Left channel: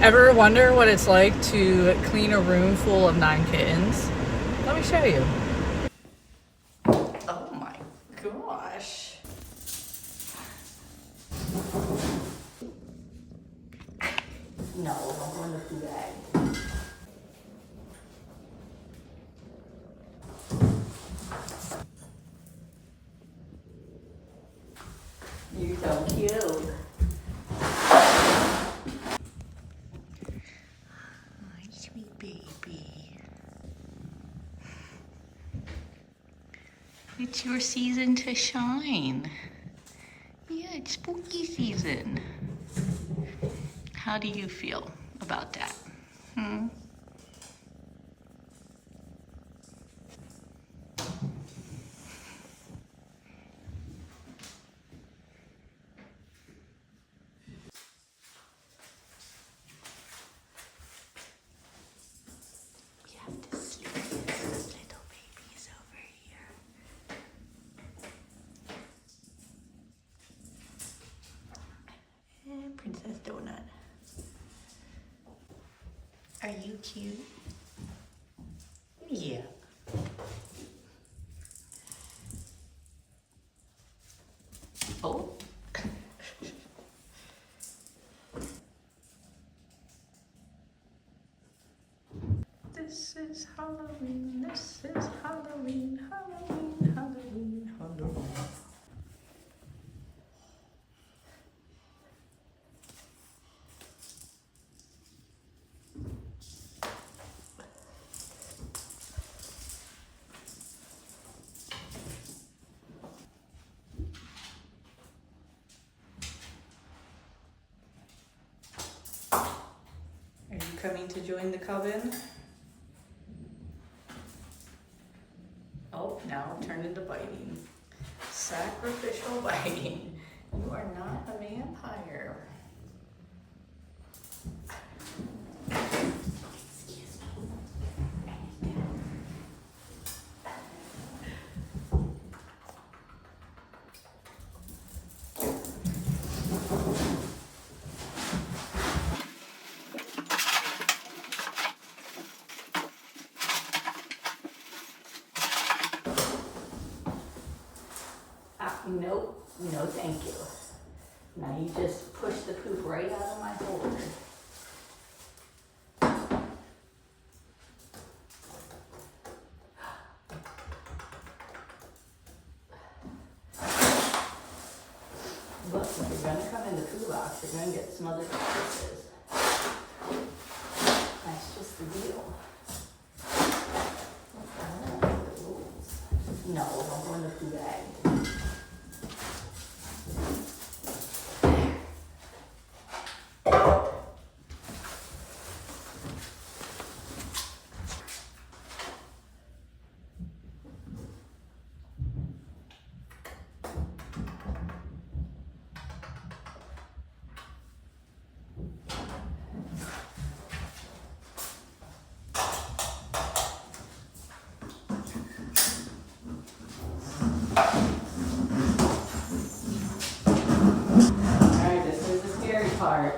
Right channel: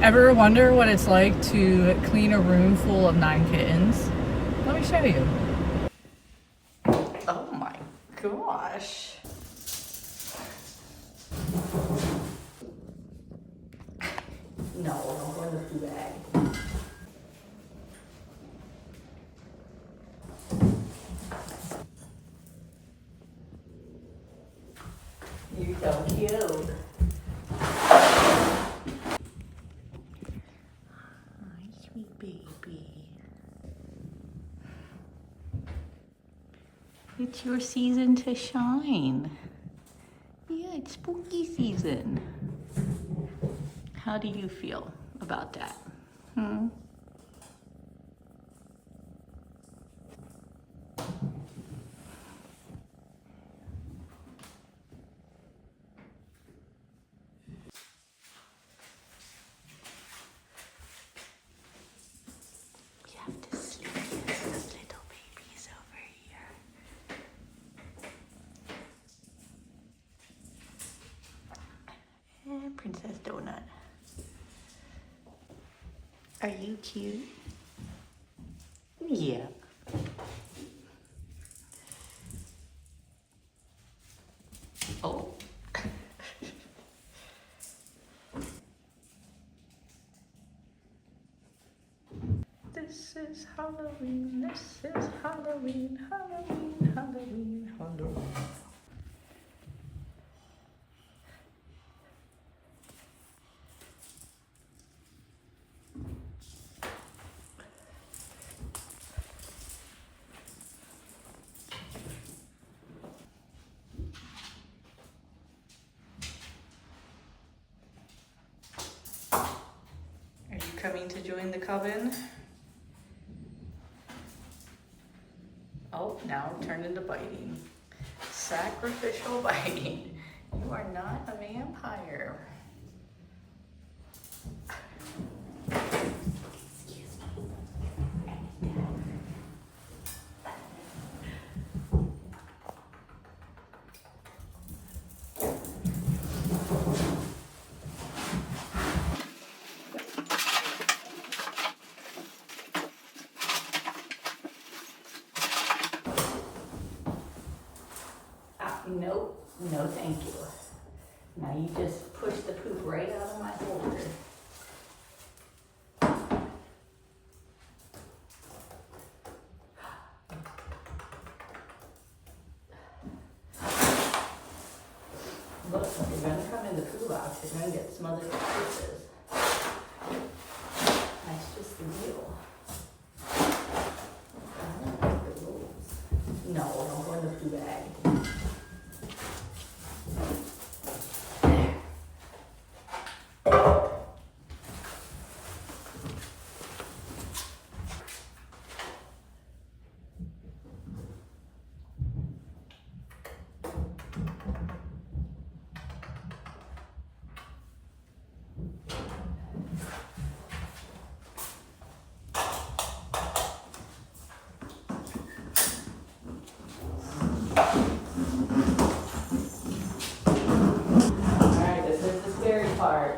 Ever wonder what it's like to clean a room full of 9 kittens? Let me show you. Oh my gosh. No, don't go in the poo bag. You're so cute. Sweet baby. It's your season to shine. Yeah, it's spooky season. How do you feel about that? We have the sweetest little babies over here. And Princess Donut. Are you cute? Yeah. Oh. This is Halloween, this is Halloween, Halloween, Halloween, Halloween. Are you coming to join the coven? Oh, now it turned into biting. Sacrificial biting. You are not a vampire. Excuse me. Nope, no thank you. Now you just push the poop right out of my holder. Look, if you're gonna come in the poo box, you're gonna get some other pieces. That's just the deal. I don't like the rules. No, don't go in the poo bag. Alright, this is the scary part.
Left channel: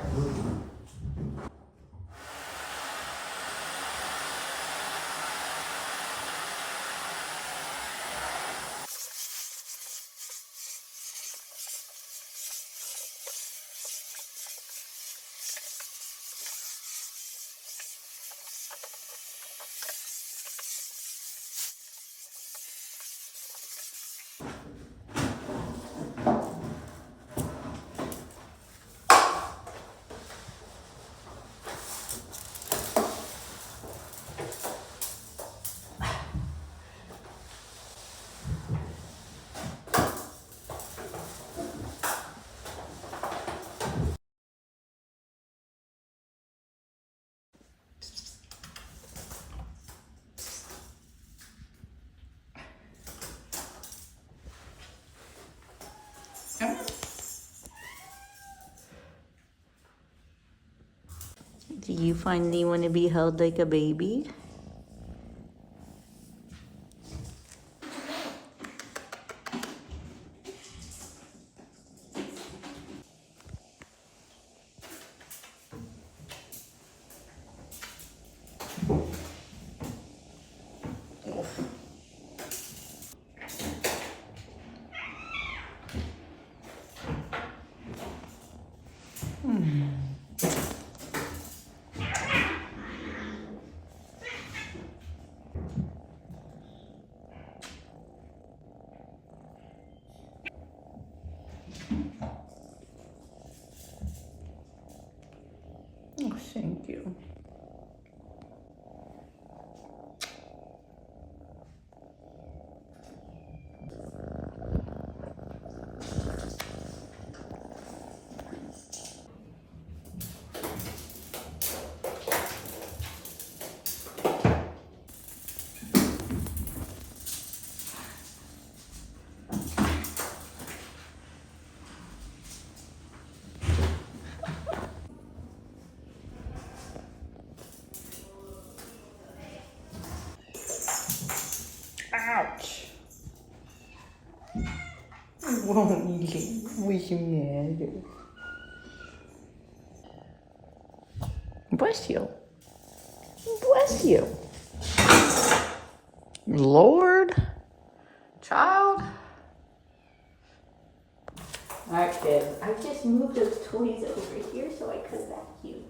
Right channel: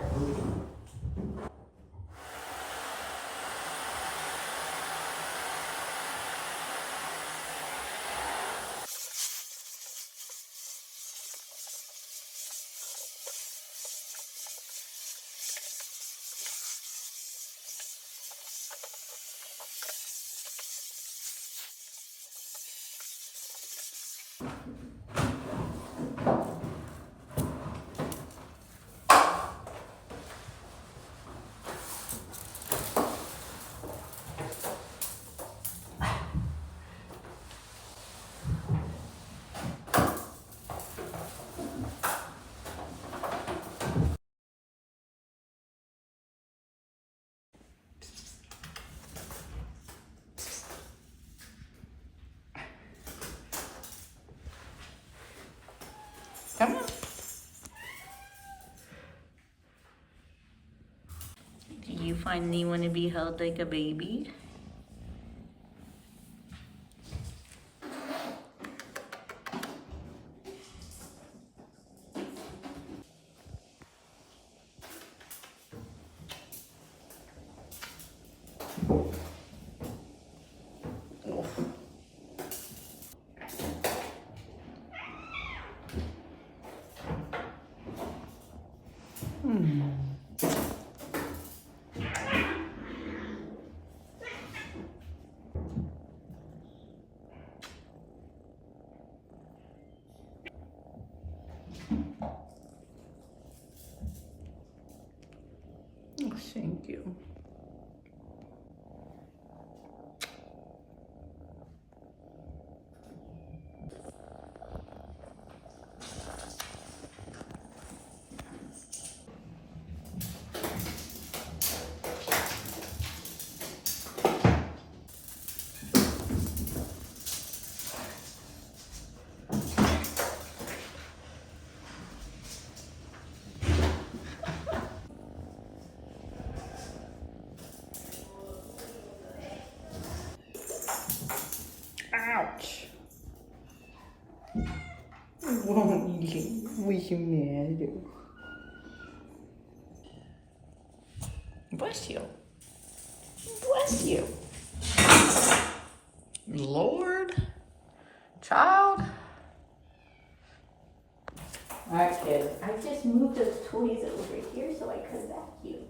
Come on. Do you finally want to be held like a baby? Oh, thank you. Ouch. It won't eat. What's the matter? Bless you. Bless you. Lord. Child. Alright, kids. I just moved those toys over here so I could vacuum.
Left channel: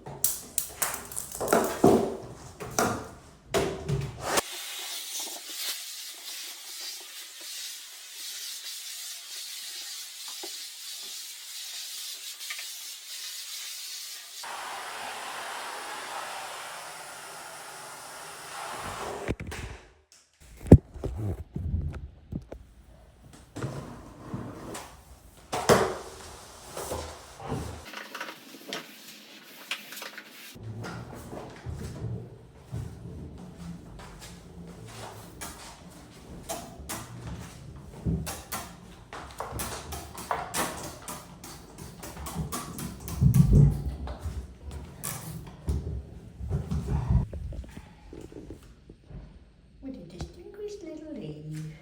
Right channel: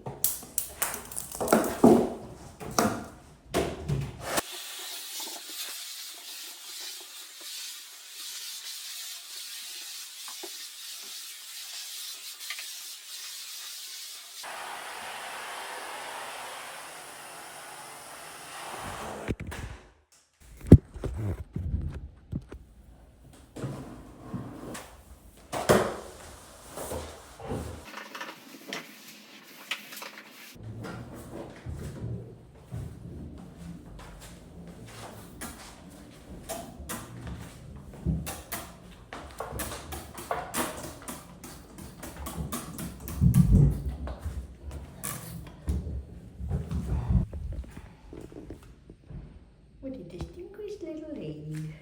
What a distinguished little lady.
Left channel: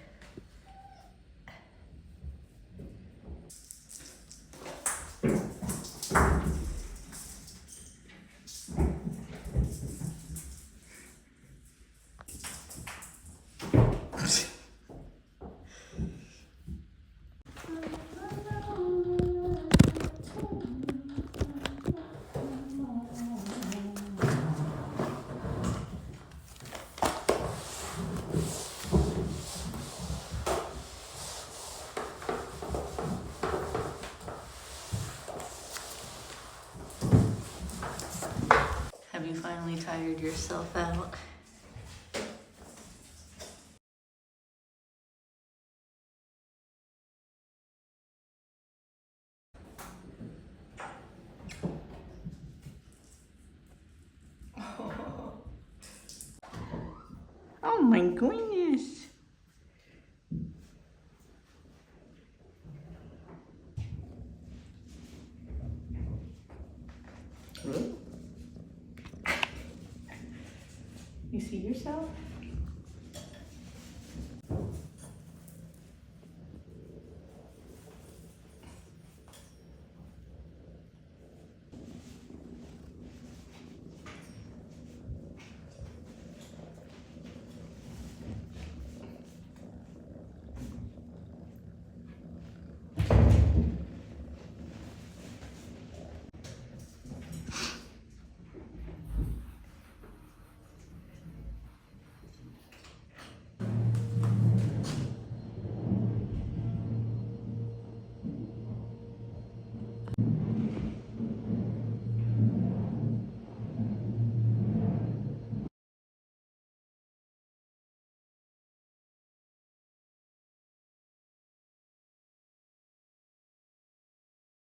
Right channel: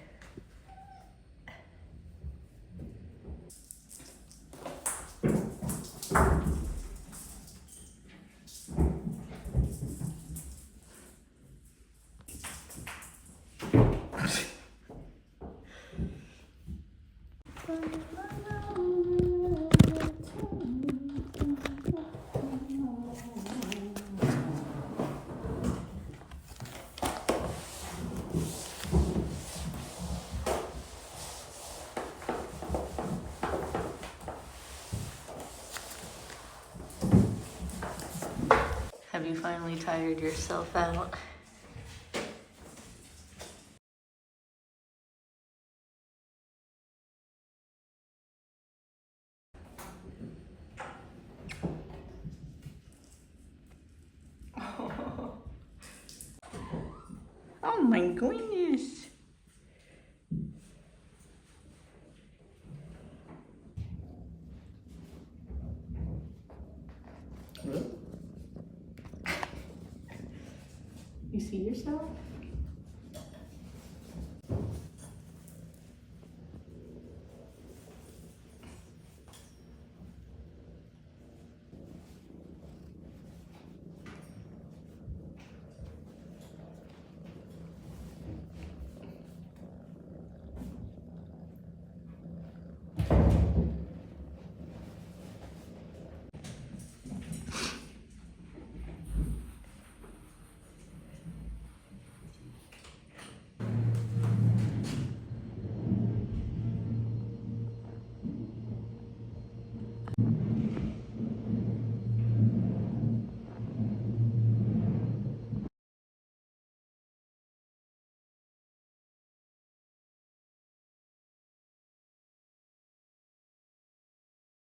Have you finally tired yourself out? Oh my goodness. Really? You see yourself?